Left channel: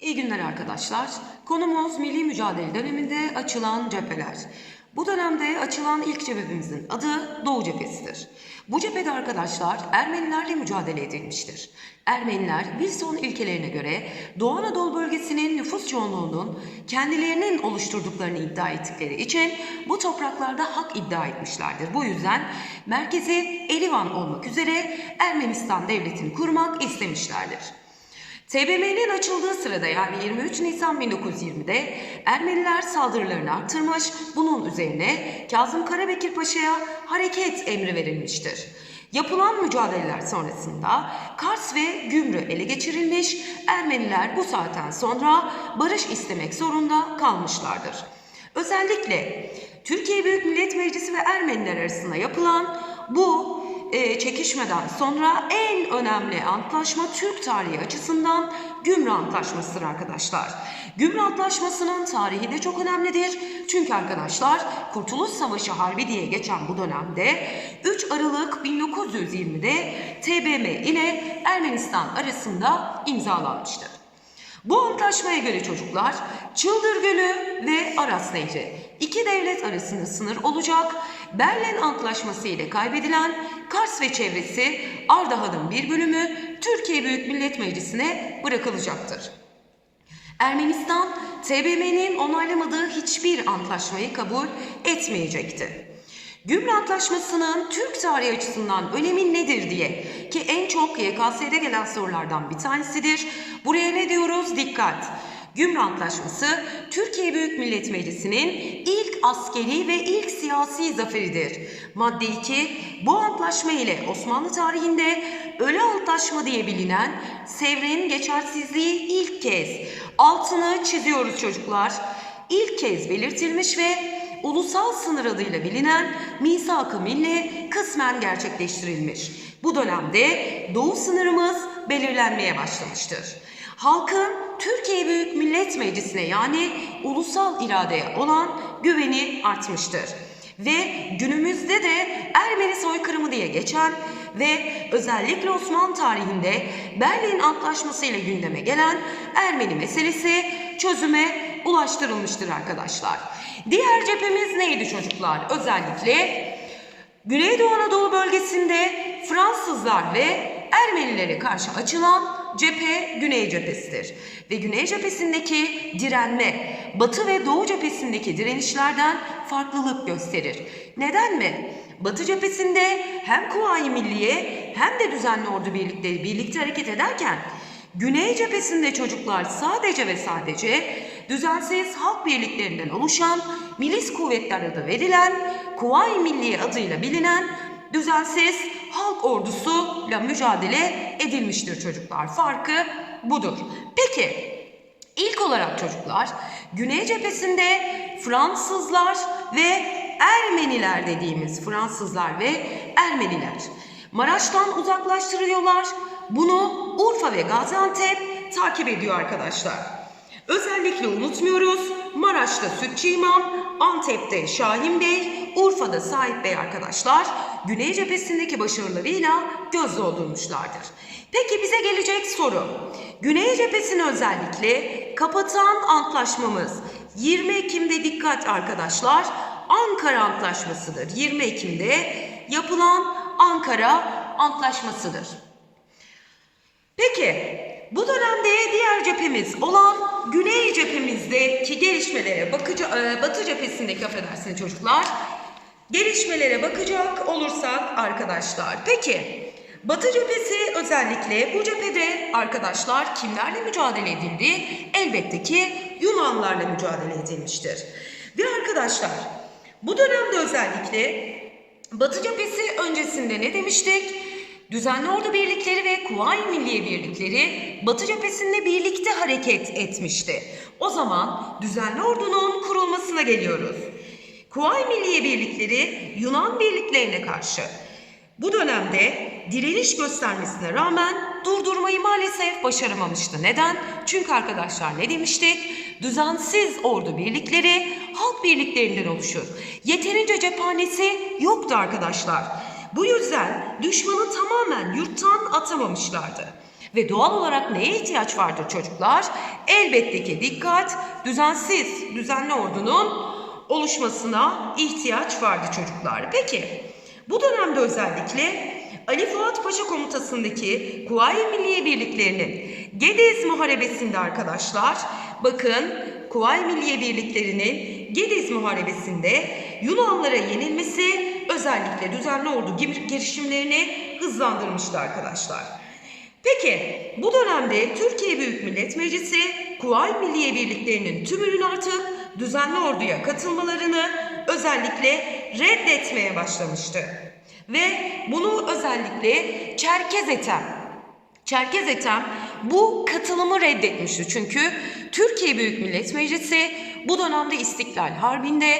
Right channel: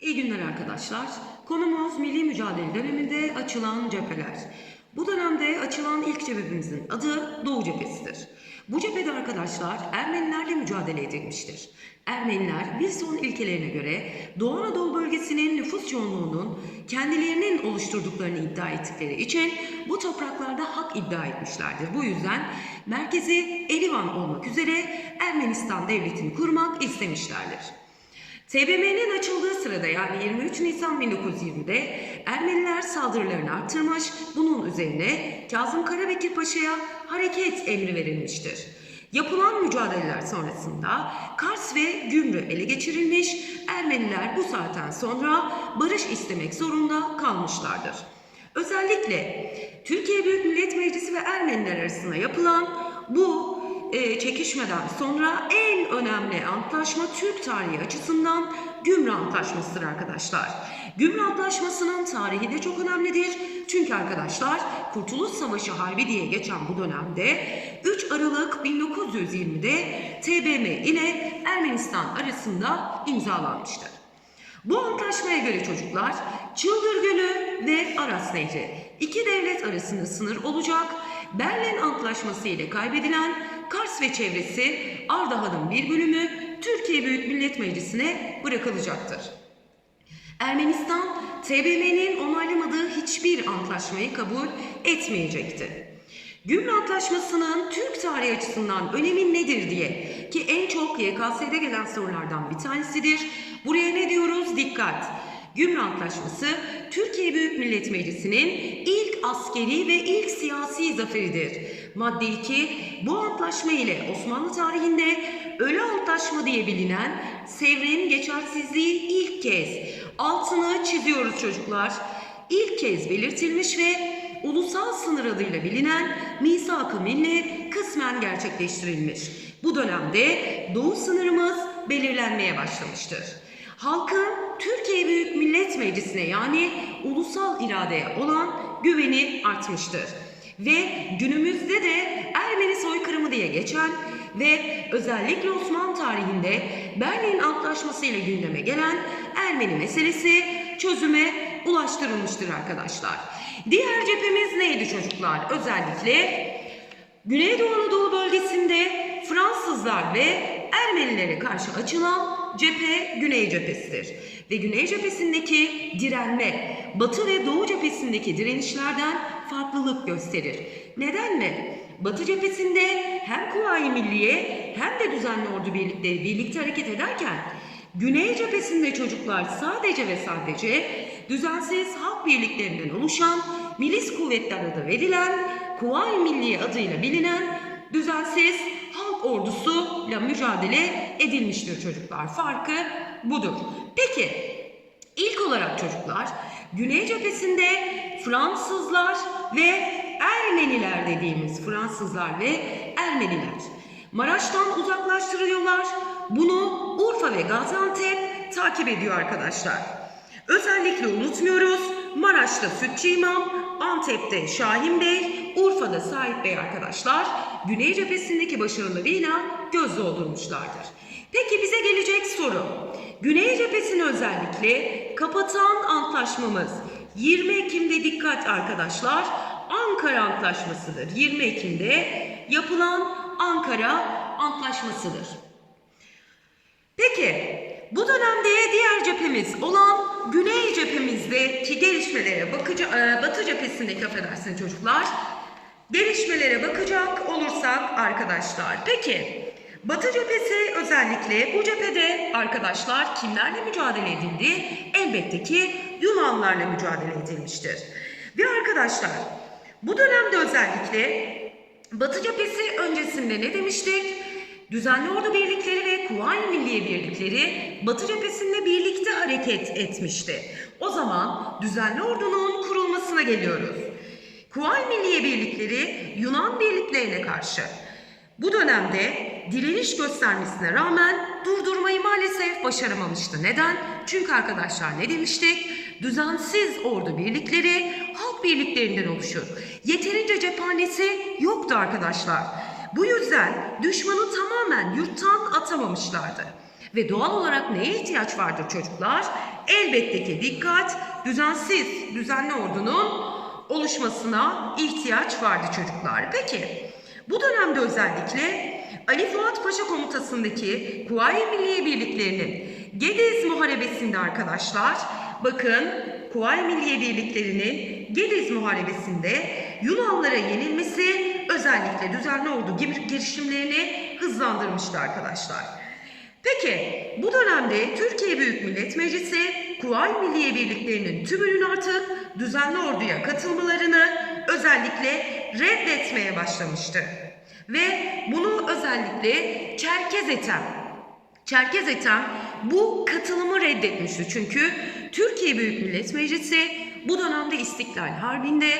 İyi günler arkadaşlar. Konumuz milli mücadele döneminde açılan cepheler. Bu dönemde açılan ilk cephemizin adı Doğu Cephesidir. Bu cephede arkadaşlar Ermenilerle mücadele edilmiştir. Ermeniler Wilson ilkelerine göre Doğu Anadolu bölgesinin nüfus çoğunluğunun kendilerinin oluşturduklarını iddia ettikleri için bu topraklarda hak iddia etmişlerdir. Bu yüzden merkezi Erivan olmak üzere Ermenistan devletini kurmak istemişlerdir. TBMM'nin açıldığı sırada yani 23 Nisan 1920'de Ermeniler saldırılarını arttırmış, bunun üzerine Kazım Karabekir Paşa'ya hareket emri verilmiştir. Yapılan mücadeleler sonrasında Kars ve Gümrü ele geçirilmiş, Ermeniler bu saatten sonra barış istemek zorunda kalmışlardır. Özellikle Türkiye Büyük Millet Meclisi ve Ermeniler arasında yapılan bu e, çekişmeden sonra en önemli antlaşma Türk tarihi açısından Gümrü Antlaşması'dır arkadaşlar. Gümrü Antlaşması'nın tarihi de çok önemlidir. Çünkü arkadaşlar Kurtuluş Savaşı Harbi diye geçen bu dönemde 3 Aralık 1920'de TBM ile Ermenistan arasında imzalanmıştır. Bu antlaşmaya göre çocuklar Çıldır Gölü ve Aras Nehri iki devlet arasında sınır olacak. Berlin Antlaşması ile kaybedilen Kars ve çevresi Ardahan'ın bir bölümü Türkiye Büyük Millet Meclisi'ne bırakılacaktır. Ermenistan, TBMM'nin onaylamadığı hiçbir antlaşmayı kabul etmeyecekti. Gümrü Antlaşması'nın Türk tarihi açısından önemi nedir diye ki en çok YKS'de gelen sorulardan bir tanesidir. Buraya ne diyoruz? Dikkat! Gümrü Antlaşması Türkiye Büyük Millet Meclisi'nin ilk askeri ve ilk siyasi zaferidir. Madde 2 bu antlaşma ile Osmanlı tarihinde Ölü Antlaşma diye bilinen Sevr'in geçersizliği ilk kez altını çiziyoruz çocuklar. İlk kez belirtilmiş ve ulusal sınır adıyla bilinen misak-ı milli kısmen gerçekleştirilmiş. Bu dönemde doğu sınırımız belirlenmeye başlamıştır. Halkın Türkiye Büyük Millet Meclisi'ne yani ulusal iradeye olan güveni artmıştır. Ve günümüzde de Ermeni soykırımı diye geçen ve özellikle Osmanlı tarihinde Berlin Antlaşması ile gündeme gelen Ermeni meselesi çözüme ulaştırılmıştır arkadaşlar. Diğer cephemiz neydi çocuklar? Özellikle Güneydoğu Anadolu bölgesinde Fransızlar ve Ermenilere karşı açılan cephe Güney cephesidir. Ve Güney cephesindeki direnme Batı ve Doğu cephesindeki direnişlerden farklılık gösterir. Neden mi? Batı cephesinde hem Kuvayi Milliye hem de düzenli ordu birlikleri birlikte hareket ederken Güney cephesinde çocuklar sadece ve sadece düzensiz halk birliklerinden oluşan milis kuvvetler adı verilen Kuvayi Milliye adıyla bilinen düzensiz halk ordusuyla mücadele edilmiştir çocuklar. Farkı budur. Peki ilk olarak çocuklar Güney cephesinde Fransızlar ve Ermeniler dediğimiz Fransızlar ve Ermeniler Maraş'tan uzaklaştırıyorlar. Bunu Urfa ve Gaziantep takip ediyor arkadaşlar. Özellikle unutmuyoruz. Maraş'ta Sütçü İmam, Antep'te Şahin Bey, Urfa'da Sait Bey arkadaşlar Güney cephesindeki başarılarıyla göz doldurmuşlardır. Peki bize gelecek soru. Güney cephesini özellikle kapatan antlaşmamız 20 Ekim'de dikkat arkadaşlar Ankara Antlaşması'dır. 20 Ekim'de yapılan Ankara Antlaşması'dır. Peki bu dönemde diğer cephemiz olan Güney cephemizdeki gelişmelere bakacak, Batı cephesindeki affedersiniz çocuklar, gelişmelere bakacak olursak arkadaşlar. Peki Batı cephesi özellikle bu cephede arkadaşlar kimlerle mücadele edildi? Elbette ki Yunanlarla mücadele edilmiştir. Ve arkadaşlar bu dönemde özellikle Batı cephesi öncesinde ne demiştik? Düzenli ordu birlikleri ve Kuvayi Milliye birlikleri Batı cephesinde birlikte hareket etmişti. O zaman düzenli ordunun kurulmasına geliyoruz. Kuvayi Milliye birlikleri Yunan birliklerine karşı bu dönemde direniş göstermesine rağmen durdurmayı maalesef başaramamıştı. Neden? Çünkü arkadaşlar ne demiştik? Düzensiz ordu birlikleri halk birliklerinden oluşur. Yeterince cephanesi yoktu arkadaşlar. Bu yüzden düşmanı tamamen yurttan atamamışlardı. Ve doğal olarak neye ihtiyaç vardır çocuklar? elbette ki dikkat, düzensiz, düzenli ordunun oluşmasına ihtiyaç vardı çocuklar. Peki, bu dönemde özellikle Ali Fuat Paşa komutasındaki Kuvayi Milliye Birliklerinin Gediz Muharebesi'nde arkadaşlar, bakın Kuvayi Milliye Birlikleri'nin Gediz Muharebesi'nde Yunanlara yenilmesi özellikle düzenli gir- girişimlerini hızlandırmıştı arkadaşlar. Peki bu dönemde Türkiye Büyük Millet Meclisi Kuvayi Milliye Birliklerinin tümünün artık düzenli orduya katılmalarını özellikle reddetmeye başlamıştı. Ve bunu özellikle Çerkez Etem Çerkez Etem bu katılımı reddetmişti. Çünkü Türkiye Büyük Millet Meclisi bu dönemde İstiklal Harbi'nde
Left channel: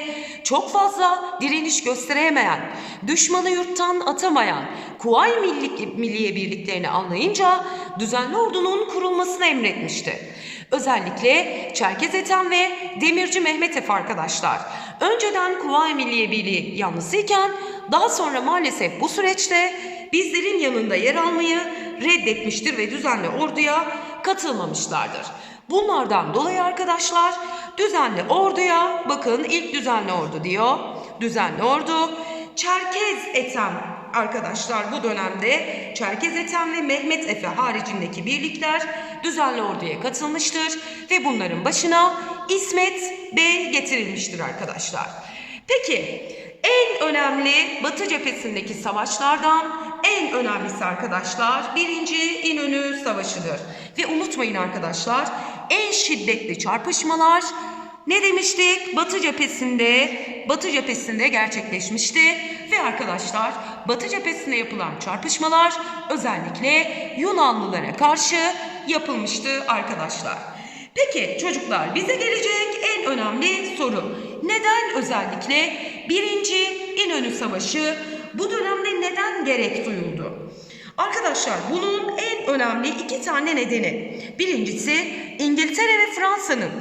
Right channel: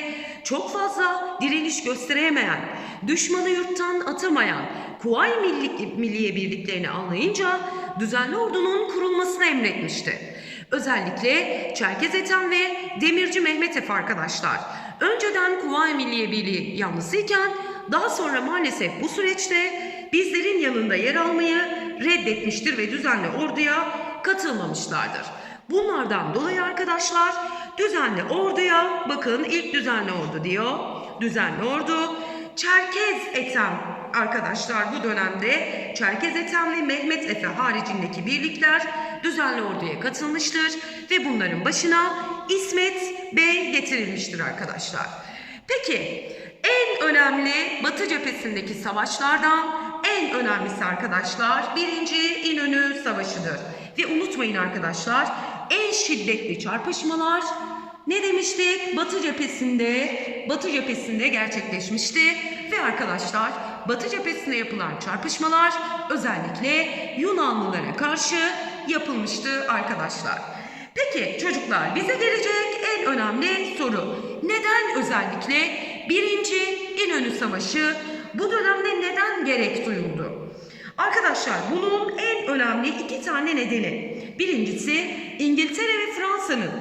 çok fazla direniş gösteremeyen, düşmanı yurttan atamayan Kuvayi Milli, Milliye Birliklerini anlayınca düzenli ordunun kurulmasını emretmişti. Özellikle Çerkez Ethem ve Demirci Mehmet Efe arkadaşlar. Önceden Kuvayi Milliye Birliği yanlısıyken daha sonra maalesef bu süreçte bizlerin yanında yer almayı reddetmiştir ve düzenli orduya katılmamışlardır. Bunlardan dolayı arkadaşlar düzenli orduya bakın ilk düzenli ordu diyor. Düzenli ordu Çerkez Ethem arkadaşlar bu dönemde Çerkez Ethem ve Mehmet Efe haricindeki birlikler düzenli orduya katılmıştır ve bunların başına İsmet Bey getirilmiştir arkadaşlar. Peki en önemli Batı cephesindeki savaşlardan en önemlisi arkadaşlar birinci İnönü Savaşı'dır. Ve unutmayın arkadaşlar en şiddetli çarpışmalar ne demiştik? Batı cephesinde, Batı cephesinde gerçekleşmişti ve arkadaşlar Batı cephesinde yapılan çarpışmalar özellikle Yunanlılara karşı yapılmıştı arkadaşlar. Peki çocuklar bize gelecek en önemli soru. Neden özellikle birinci İnönü Savaşı bu dönemde neden gerek duyuldu? Arkadaşlar bunun en önemli iki tane nedeni. Birincisi İngiltere ve Fransa'nın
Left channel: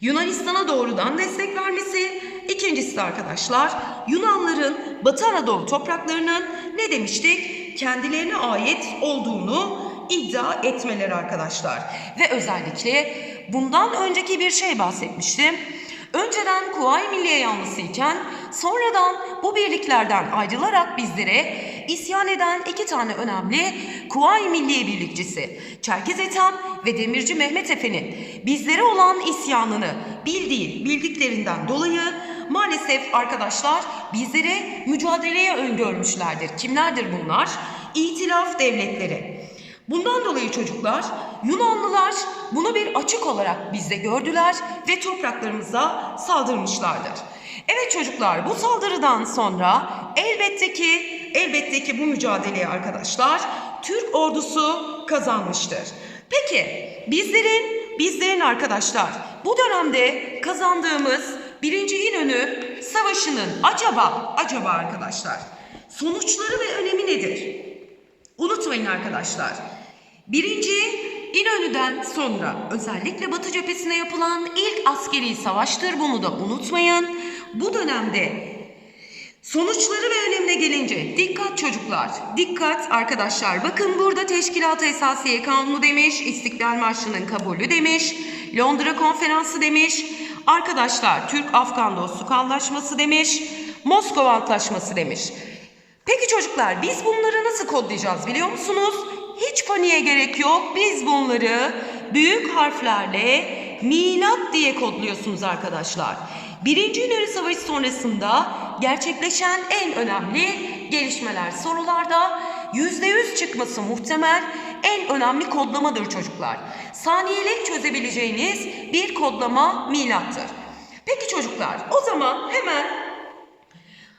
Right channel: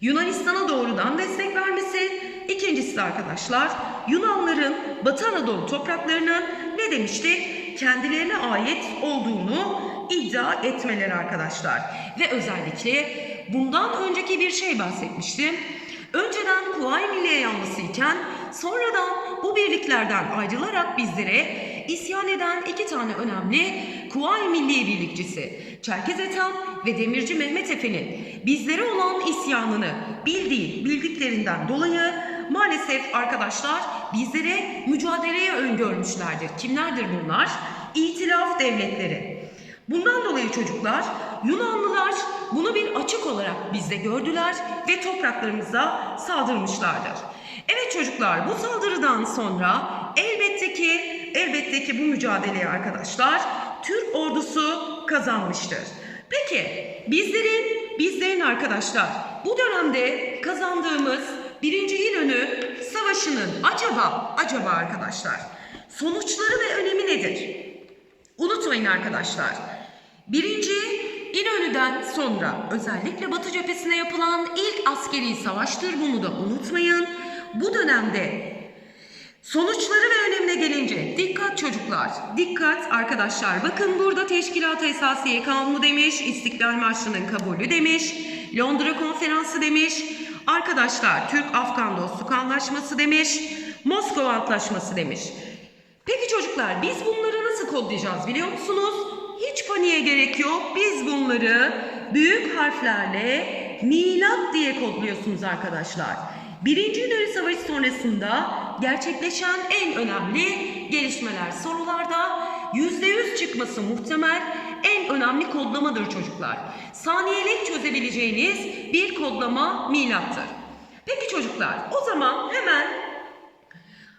Yunanistan'a doğrudan destek vermesi. İkincisi arkadaşlar Yunanların Batı Anadolu topraklarının ne demiştik? Kendilerine ait olduğunu iddia etmeleri arkadaşlar. Ve özellikle bundan önceki bir şey bahsetmiştim. Önceden Kuvayi Milliye yanlısıyken sonradan bu birliklerden ayrılarak bizlere isyan eden iki tane önemli Kuvayi Milliye birlikçisi Çerkez Ethem ve Demirci Mehmet Efe'nin bizlere olan isyanını bildiği bildiklerinden dolayı maalesef arkadaşlar bizlere mücadeleye öngörmüşlerdir. Kimlerdir bunlar? İtilaf devletleri. Bundan dolayı çocuklar Yunanlılar bunu bir açık olarak bizde gördüler ve topraklarımıza saldırmışlardır. Evet çocuklar bu saldırıdan sonra elbette ki elbette ki bu mücadeleyi arkadaşlar Türk ordusu kazanmıştır. Peki bizlerin bizlerin arkadaşlar bu dönemde kazandığımız birinci İnönü Savaşı'nın acaba acaba arkadaşlar sonuçları ve önemi nedir? Unutmayın arkadaşlar. Birinci İnönü'den sonra özellikle Batı cephesine yapılan ilk askeri savaştır. Bunu da unutmayın. Bu dönemde sonuçları ve önemine gelince dikkat çocuklar, dikkat arkadaşlar. Bakın burada Teşkilat-ı Esasiye Kanunu demiş, İstiklal Marşı'nın kabulü demiş, Londra Konferansı demiş, arkadaşlar Türk-Afgan Dostluk Anlaşması demiş, Moskova Antlaşması demiş. Peki çocuklar biz bunları nasıl kodlayacağız biliyor musunuz? Hiç paniğe gerek yok. Biz bunları büyük harflerle milat diye kodluyorsunuz arkadaşlar. Birinci İnönü Savaşı sonrasında gerçekleşen en önemli gelişmeler sorularda %100 çıkması muhtemel en önemli kodlamadır çocuklar. Saniyelik çözebileceğiniz bir kodlama milattır. Peki çocuklar o zaman hemen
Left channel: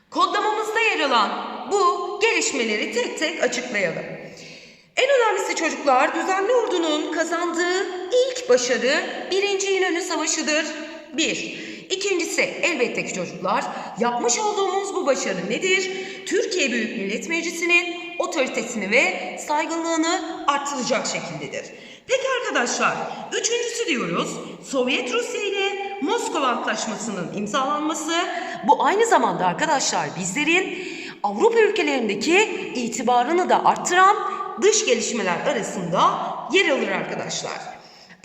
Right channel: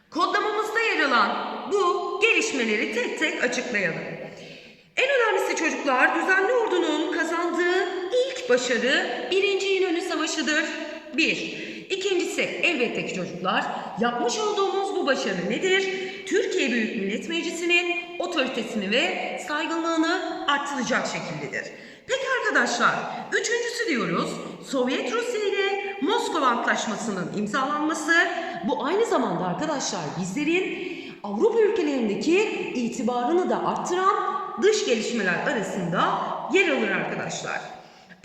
Kodlamamızda yer alan bu gelişmeleri tek tek açıklayalım. En önemlisi çocuklar düzenli ordunun kazandığı ilk başarı 1. İnönü Savaşı'dır. 1. İkincisi elbette ki çocuklar yapmış olduğumuz bu başarı nedir? Türkiye Büyük Millet Meclisi'nin otoritesini ve saygınlığını arttıracak şekildedir. Peki arkadaşlar üçüncüsü diyoruz Sovyet Rusya ile Moskova Antlaşması'nın imzalanması bu aynı zamanda arkadaşlar bizlerin Avrupa ülkelerindeki itibarını da arttıran dış gelişmeler arasında yer alır arkadaşlar.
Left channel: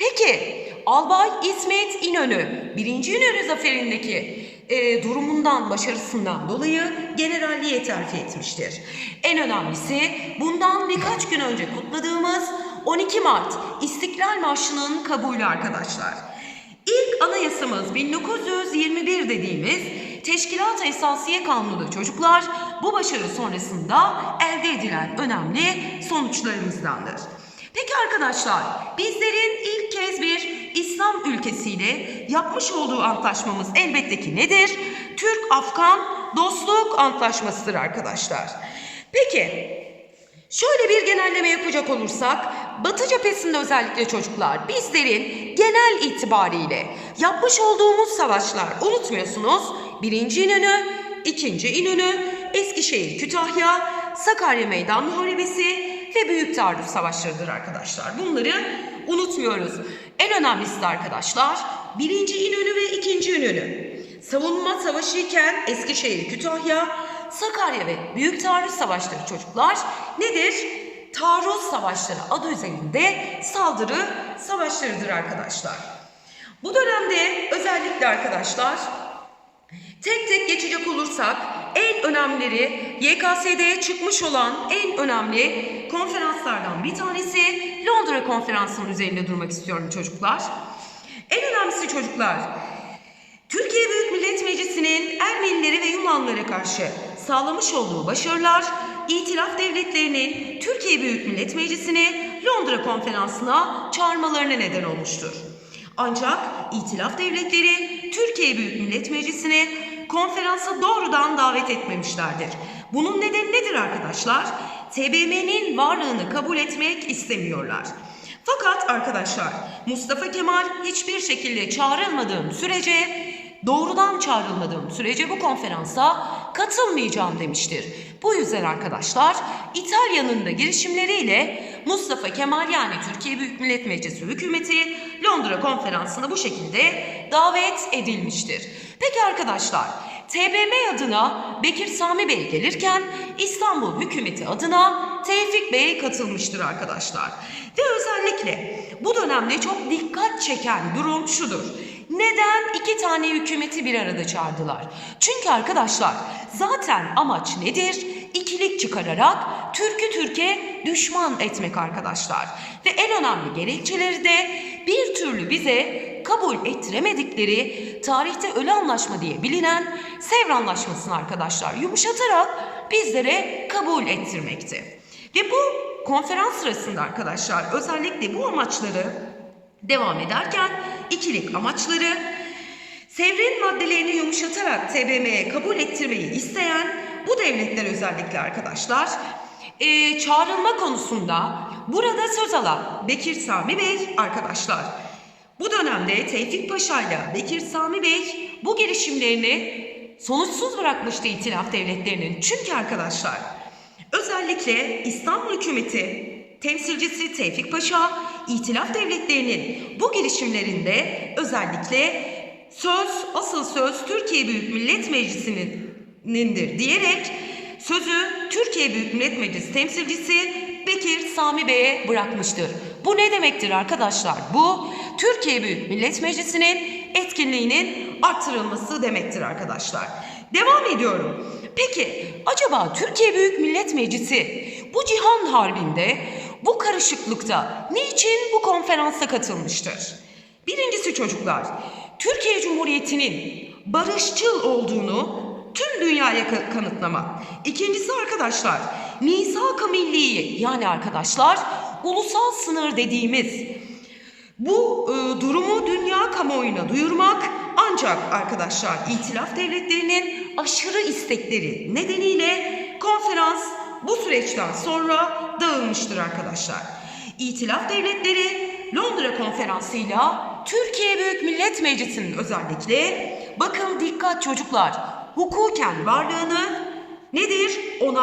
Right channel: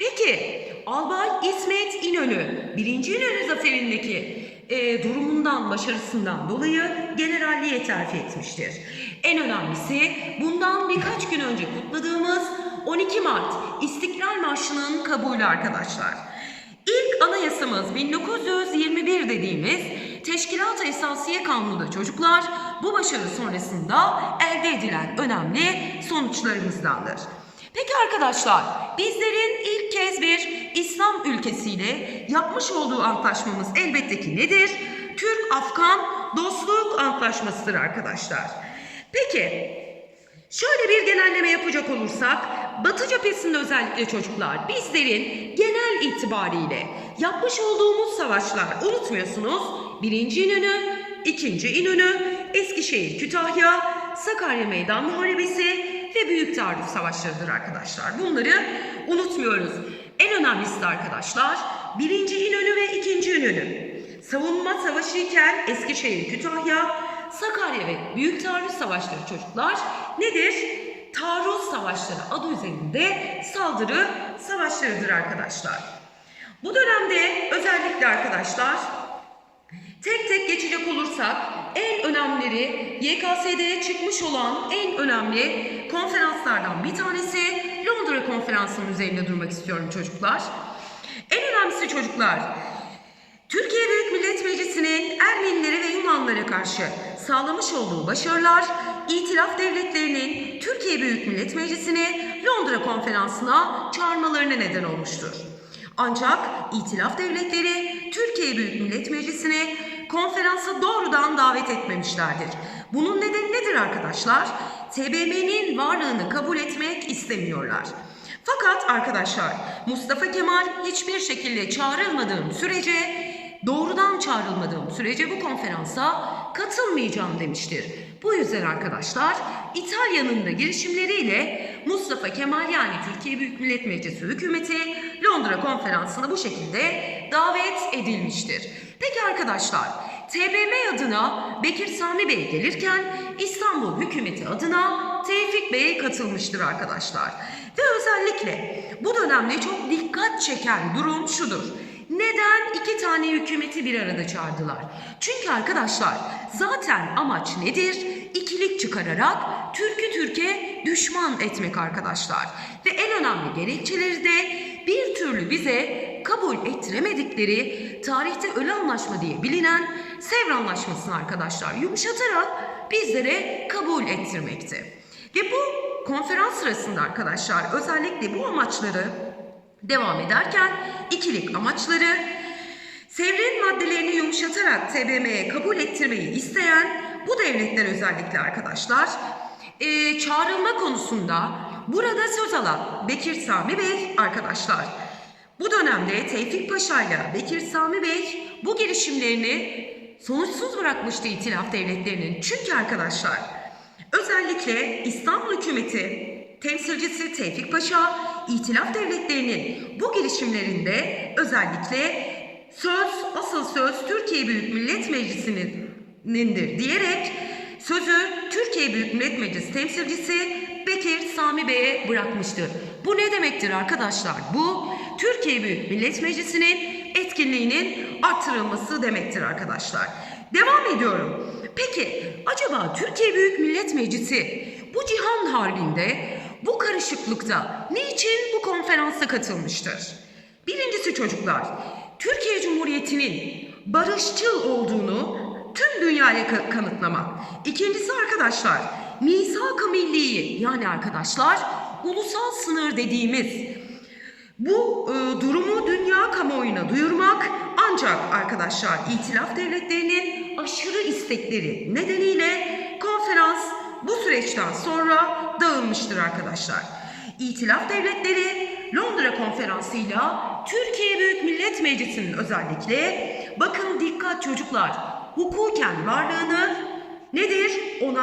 Peki Albay İsmet İnönü birinci İnönü zaferindeki e, durumundan, başarısından dolayı generalliğe terfi etmiştir. En önemlisi bundan birkaç gün önce kutladığımız 12 Mart İstiklal Marşı'nın kabulü arkadaşlar. İlk anayasamız 1921 dediğimiz Teşkilat-ı Esasiye Kanunu çocuklar bu başarı sonrasında elde edilen önemli sonuçlarımızdandır. Peki arkadaşlar bizlerin ilk kez bir İslam ülkesiyle yapmış olduğu antlaşmamız elbette ki nedir? Türk-Afgan Dostluk Antlaşması'dır arkadaşlar. Peki Şöyle bir genelleme yapacak olursak, Batı cephesinde özellikle çocuklar bizlerin genel itibariyle yapmış olduğumuz savaşlar unutmuyorsunuz. Birinci İnönü, ikinci İnönü, Eskişehir, Kütahya, Sakarya Meydan Muharebesi ve Büyük Taarruf Savaşlarıdır arkadaşlar. Bunları unutmuyoruz. En önemlisi arkadaşlar birinci İnönü ve ikinci İnönü. Savunma savaşı iken Eskişehir, Kütahya, Sakarya ve Büyük Taarruz Savaşları çocuklar nedir? Taarruz Savaşları adı üzerinde saldırı savaşlarıdır arkadaşlar. Bu dönemde özellikle arkadaşlar tek tek geçecek olursak en önemlileri YKS'de çıkmış olan en önemli konferanslardan bir tanesi Londra Konferansı'nın üzerinde durmak istiyorum çocuklar. En önemlisi çocuklar Türkiye Büyük Millet Meclisi'nin Ermenilere ve Yunanlara karşı sağlamış olduğu başarılar, İtilaf devletlerinin Türkiye Büyük Millet Meclisi'ni Londra Konferansı'na çağırmalarına neden olmuştur. Ancak İtilaf devletleri Türkiye Büyük Millet Meclisi'ni konferansa doğrudan davet etmemişlerdir. Bunun nedeni nedir arkadaşlar? TBMM'nin varlığını kabul etmek istemiyorlar. Fakat arkadaşlar Mustafa Kemal hiçbir şekilde çağrılmadığım sürece doğrudan çağrılmadığım sürece bu konferansa katılmayacağım demiştir. Bu yüzden arkadaşlar İtalya'nın da girişimleriyle Mustafa Kemal yani Türkiye Büyük Millet Meclisi hükümeti Londra konferansına bu şekilde davet edilmiştir. Peki arkadaşlar TBM adına Bekir Sami Bey gelirken İstanbul hükümeti adına Tevfik Bey katılmıştır arkadaşlar. Ve özellikle bu dönemde çok dikkat çeken durum şudur. Neden iki tane hükümeti bir arada çağırdılar? Çünkü arkadaşlar zaten amaç nedir? İkilik çıkararak Türk'ü Türkiye düşman etmek arkadaşlar. Ve en önemli gerekçeleri de bir türlü bize kabul ettiremedikleri tarihte ölü anlaşma diye bilinen Sevr Anlaşması'nı arkadaşlar yumuşatarak bizlere kabul ettirmekti. Ve bu konferans sırasında arkadaşlar özellikle bu amaçları devam ederken ikilik amaçları Sevr'in maddelerini yumuşatarak TBMM'ye kabul ettirmeyi isteyen bu devletler özellikle arkadaşlar e, çağrılma konusunda burada söz alan Bekir Sami Bey arkadaşlar bu dönemde Tevfik Paşa ile Bekir Sami Bey bu girişimlerini sonuçsuz bırakmıştı itilaf devletlerinin. Çünkü arkadaşlar özellikle İstanbul hükümeti temsilcisi Tevfik Paşa itilaf devletlerinin bu girişimlerinde özellikle söz asıl söz Türkiye Büyük Millet Meclisi'nindir diyerek sözü Türkiye Büyük Millet Meclisi temsilcisi Sami Bey'e bırakmıştır. Bu ne demektir arkadaşlar? Bu Türkiye Büyük Millet Meclisi'nin etkinliğinin arttırılması demektir arkadaşlar. Devam ediyorum. Peki acaba Türkiye Büyük Millet Meclisi bu cihan harbinde bu karışıklıkta niçin bu konferansa katılmıştır? Birincisi çocuklar, Türkiye Cumhuriyeti'nin barışçıl olduğunu tüm dünyaya ka- kanıtlamak. İkincisi arkadaşlar, misak-ı milliyi yani arkadaşlar ulusal sınır dediğimiz bu e, durumu dünya kamuoyuna duyurmak ancak arkadaşlar itilaf devletlerinin aşırı istekleri nedeniyle konferans bu süreçten sonra dağılmıştır arkadaşlar. İtilaf devletleri Londra konferansıyla Türkiye Büyük Millet Meclisi'nin özellikle bakın dikkat çocuklar hukuken varlığını nedir? Ona